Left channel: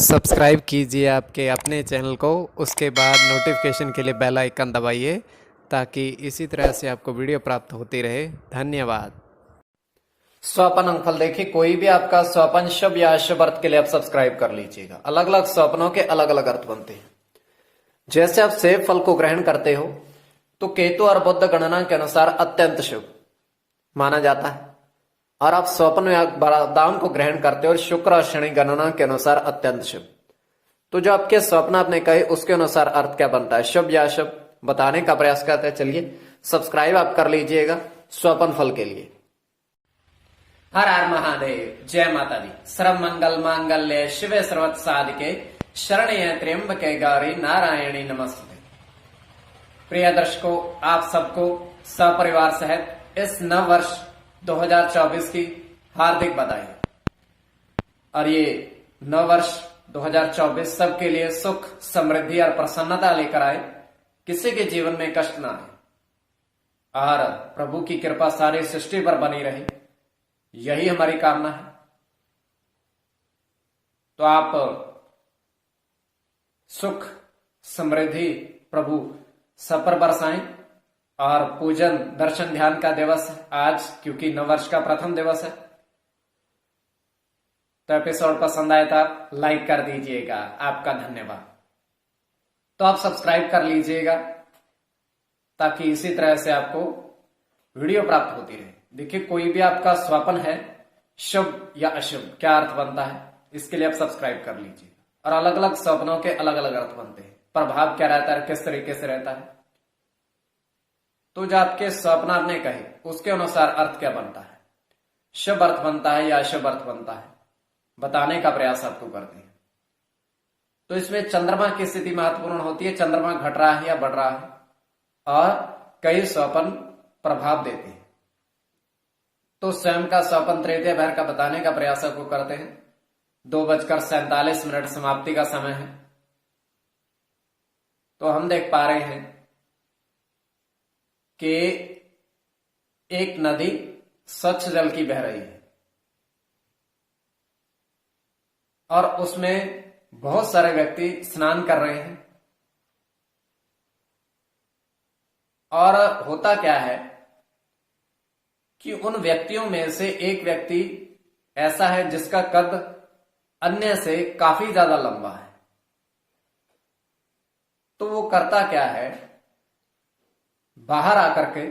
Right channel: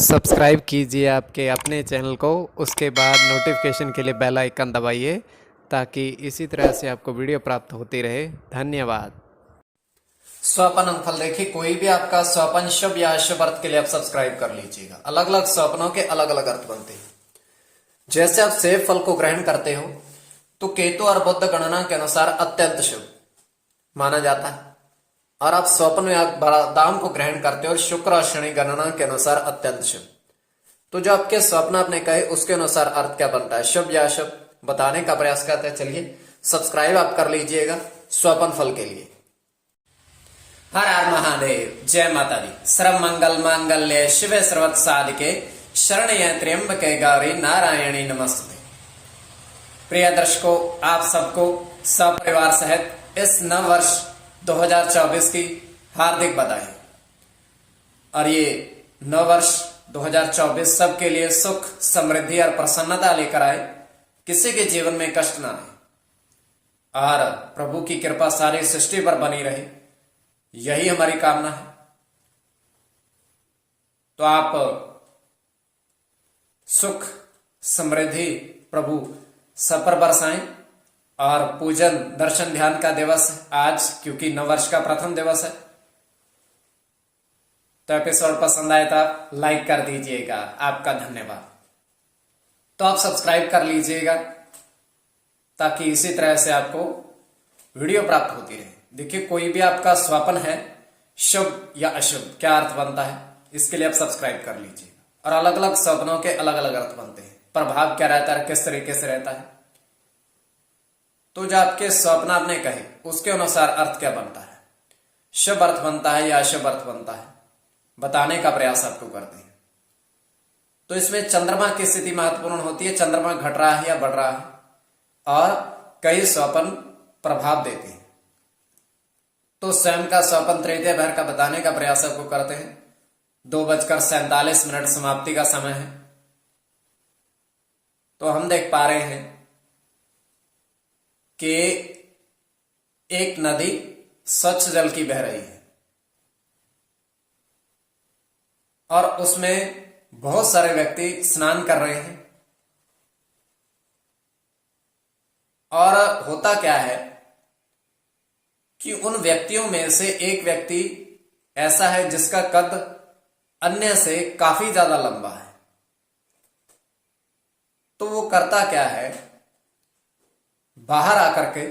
Subscribe कीजिए आपके अपने चैनल को, उसके बाद नोटिफिकेशन के लिए बेल आइकन दबाइए ताकि इसी तरह से आपको वीडियो प्राप्त होती रहे। धन्यवाद। स्वपन फल देखिए, कोई भी आपका स्वपन शुभ या अशुभ अर्थ के लिए आप सब्सक्राइब कर लीजिएगा। अलग अलग स्वप्नों के अलग अलग अर्थ बनते हैं। जैसे आप सेब फल को ग्रहण करते हो तो केतु और बुध गणना के अनुसार अत्यंत शुभ माना जाता है, और आप स्वप्न या बादाम को ग्रहण करते हो और शुक्र और शनि गणना के अनुसार अत्यंत शुभ। तो जो आपके स्वप्न आपने कहे उसके अनुसार अर्थ क्या बनता है, शुभ या अशुभ, बताने का प्रयास करते हैं। चलिए सब्सक्राइब आप कर लीजिएगा स्वपन फल के लिए। हर हर महादेव, जय माता दी। सर्व मंगल मांगल्य शिवे सर्वत साधिके शरण्य त्र्यंबके गौरी नारायणी नमस्ते। प्रिय दर्शकों, आप सबको सपरिवार सहित इस नव वर्ष 2024 की हार्दिक बधाई। और ये नव वर्ष 2024 सबके लिए सुख, समृद्धि और प्रसन्नता लेकर आए, किसी के जीवन में कष्ट ना आए और प्रभु की कृपा सारी सृष्टि पर बनी रहे, यही हमारी कामना है। तो आप सुख समृद्धि प्रभु सब पर बरसाएं। और पूजन दर्शन ध्यान का दिवस है आज, क्योंकि नववर्ष का प्रथम दिवस है। तो एपिसोड पसंद आए तो आप लाइक कर दीजिएगा, आपका धन्यवाद। तो आप सब्सक्राइब कर लीजिएगा ताकि इसी तरह से आपको वीडियो प्राप्त होती रहे। देखिए, कोई भी आपका स्वप्न है, शुभ या अशुभ, क्या अर्थ बनता है, इसके लिए आप सब्सक्राइब कर लीजिएगा। और अलग अलग स्वप्नों के अलग अलग अर्थ बनते हैं, प्रभाव क्या रहता है, किस तरीके से रहता है। तो जो आपके स्वप्न आपने कहे उसके अनुसार अर्थ क्या बनता है, शुभ अर्थ बनता है या अशुभ अर्थ बनता है, बताने का प्रयास आपको करते हैं। तो इसमें चंद्रमा की स्थिति महत्वपूर्ण होती है। चंद्रमा घट रहा है या बढ़ रहा है, और कई स्वप्न प्रभाव देते हैं। तो स्वयं का स्वप्न तृतीय भर का बताने का प्रयास आपको करते हैं। 2:47 समाप्ति का समय है। तो हम देख पा रहे हैं कि एक नदी स्वच्छ जल की बह रही है और उसमें बहुत सारे व्यक्ति स्नान कर रहे हैं। और होता क्या है कि उन व्यक्तियों में से एक व्यक्ति ऐसा है जिसका कद अन्य से काफी ज्यादा लंबा है। तो वो करता क्या है, बाहर आकर के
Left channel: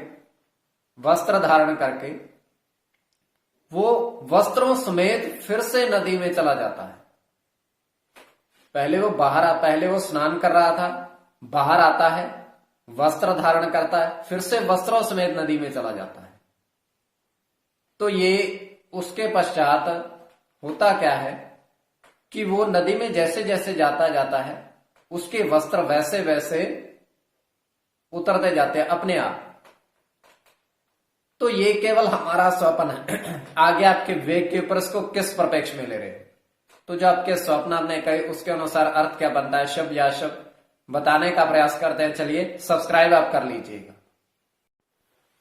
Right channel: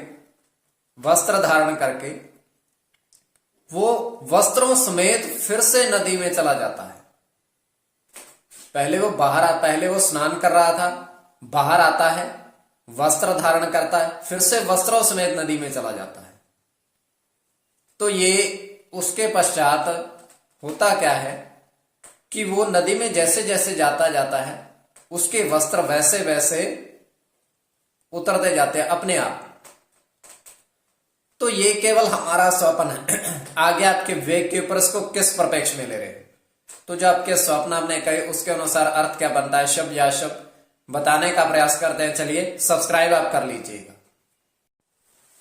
वस्त्र धारण करके वो वस्त्रों समेत फिर से नदी में चला जाता है। पहले वो स्नान कर रहा था, बाहर आता है, वस्त्र धारण करता है, फिर से वस्त्रों समेत नदी में चला जाता है। तो ये उसके पश्चात होता क्या है कि वो नदी में जैसे जैसे जाता है, उसके वस्त्र वैसे वैसे उतरते जाते हैं अपने आप। तो ये केवल हमारा स्वप्न है। आगे आपके विवेक के ऊपर इसको किस परिप्रेक्ष्य में ले रहे हो। तो जो आपके स्वप्न आपने कहे उसके अनुसार अर्थ क्या बनता है, शुभ या अशुभ, बताने का प्रयास करते हैं। चलिए सब्सक्राइब आप कर लीजिएगा।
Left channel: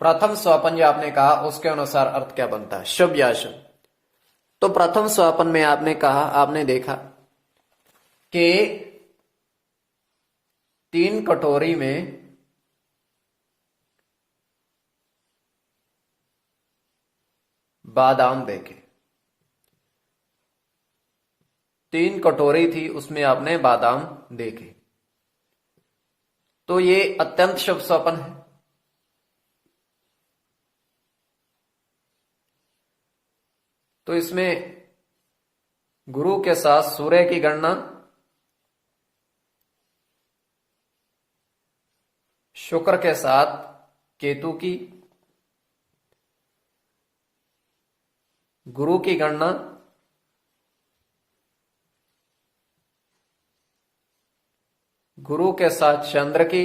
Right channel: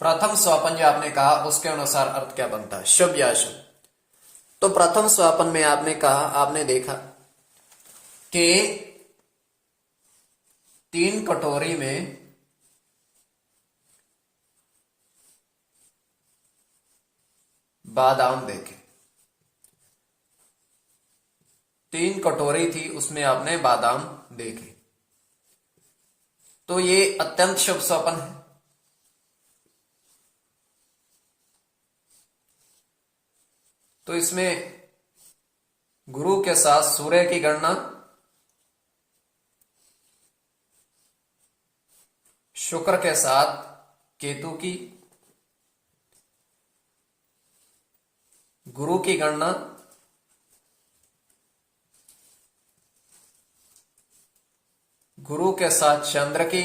प्रथम स्वप्न जो आपने कहा उसके अनुसार अर्थ क्या बनता है, शुभ या अशुभ। तो प्रथम स्वप्न में आपने कहा, आपने देखा कि 3 कटोरी में बादाम देखे। 3 कटोरी थी, उसमें आपने बादाम देखे। तो ये अत्यंत शुभ स्वप्न है। तो इसमें गुरु के साथ सूर्य की गणना, शुक्र के साथ केतु की, गुरु की गणना, गुरु के साथ चंद्र की,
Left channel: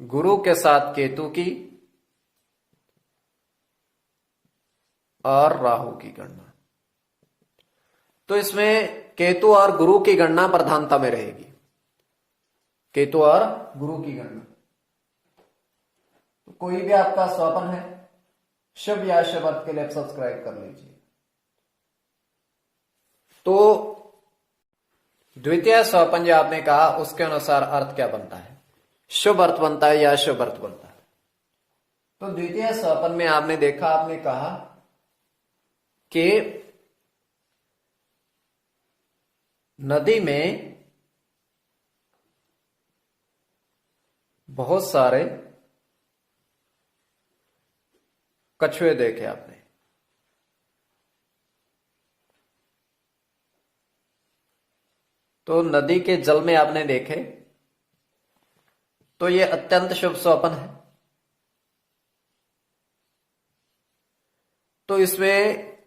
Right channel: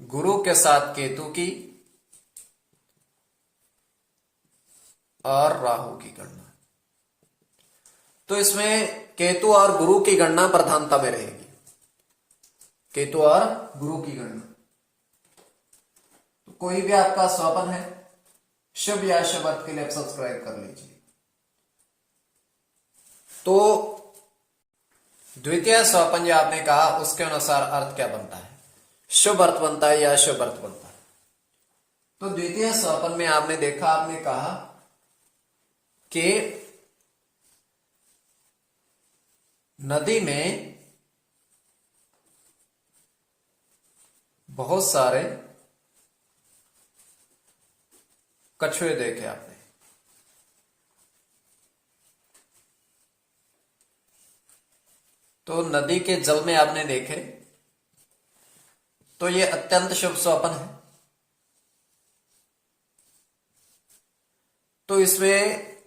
गुरु के साथ केतु की, और राहु की गणना। तो इसमें केतु और गुरु की गणना प्रधानता में रहेगी। केतु और गुरु की गणना। कोई भी आपका स्वप्न है, शुभ या शुभ अर्थ के लिए आप सब्सक्राइब कर लीजिए। तो द्वितीय सोपान जो आपने कहा उसके अनुसार अर्थ क्या बनता है, शुभ अर्थ बनता है या शुभ अर्थ बनता है। तो द्वितीय सोपान में आपने देखा, आपने कहा कि नदी में बहुत सारे कछुए देखे आपने। तो नदी के जल में आपने देखे, तो ये अत्यंत शुभ स्वप्न है। तो इसमें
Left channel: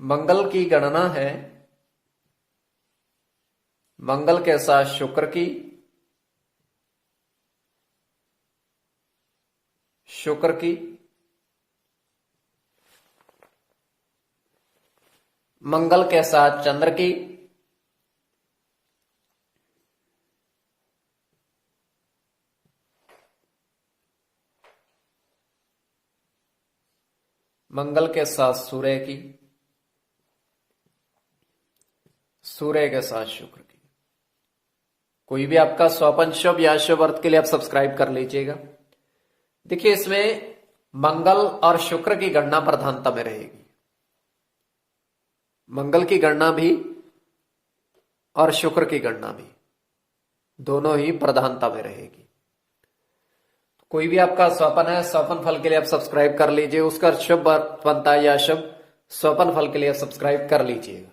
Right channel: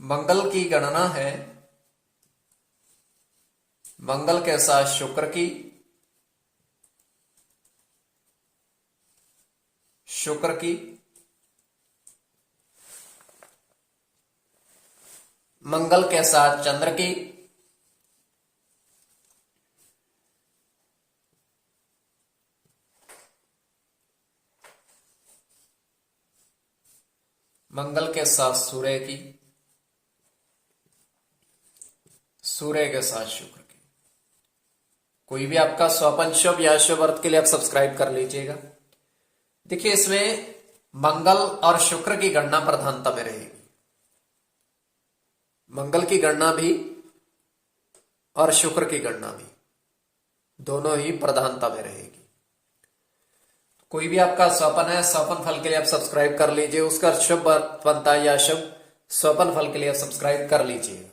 मंगल की गणना है, मंगल के साथ शुक्र की, शुक्र की, मंगल के साथ चंद्र की, मंगल के साथ सूर्य की, सूर्य के साथ शुक्र की। कोई भी आपका स्वपन शुभ या शुभ अर्थ के लिए आप सब्सक्राइब कर लीजिएगा। देखिए इसमें मंगल और शुक्र की गणना प्रधानता में रहेगी, मंगल की गणना भी और शुक्र की गणना भी, दोनों ही प्रधानता में रहेगी। कोई भी आपका स्वपन है, स्वपन फल के लिए आप सब्सक्राइब कर लीजिए, उसका शुभ अर्थ बनता है या शुभ, स्वपन फल के लिए आप सब्सक्राइब कर लीजिएगा।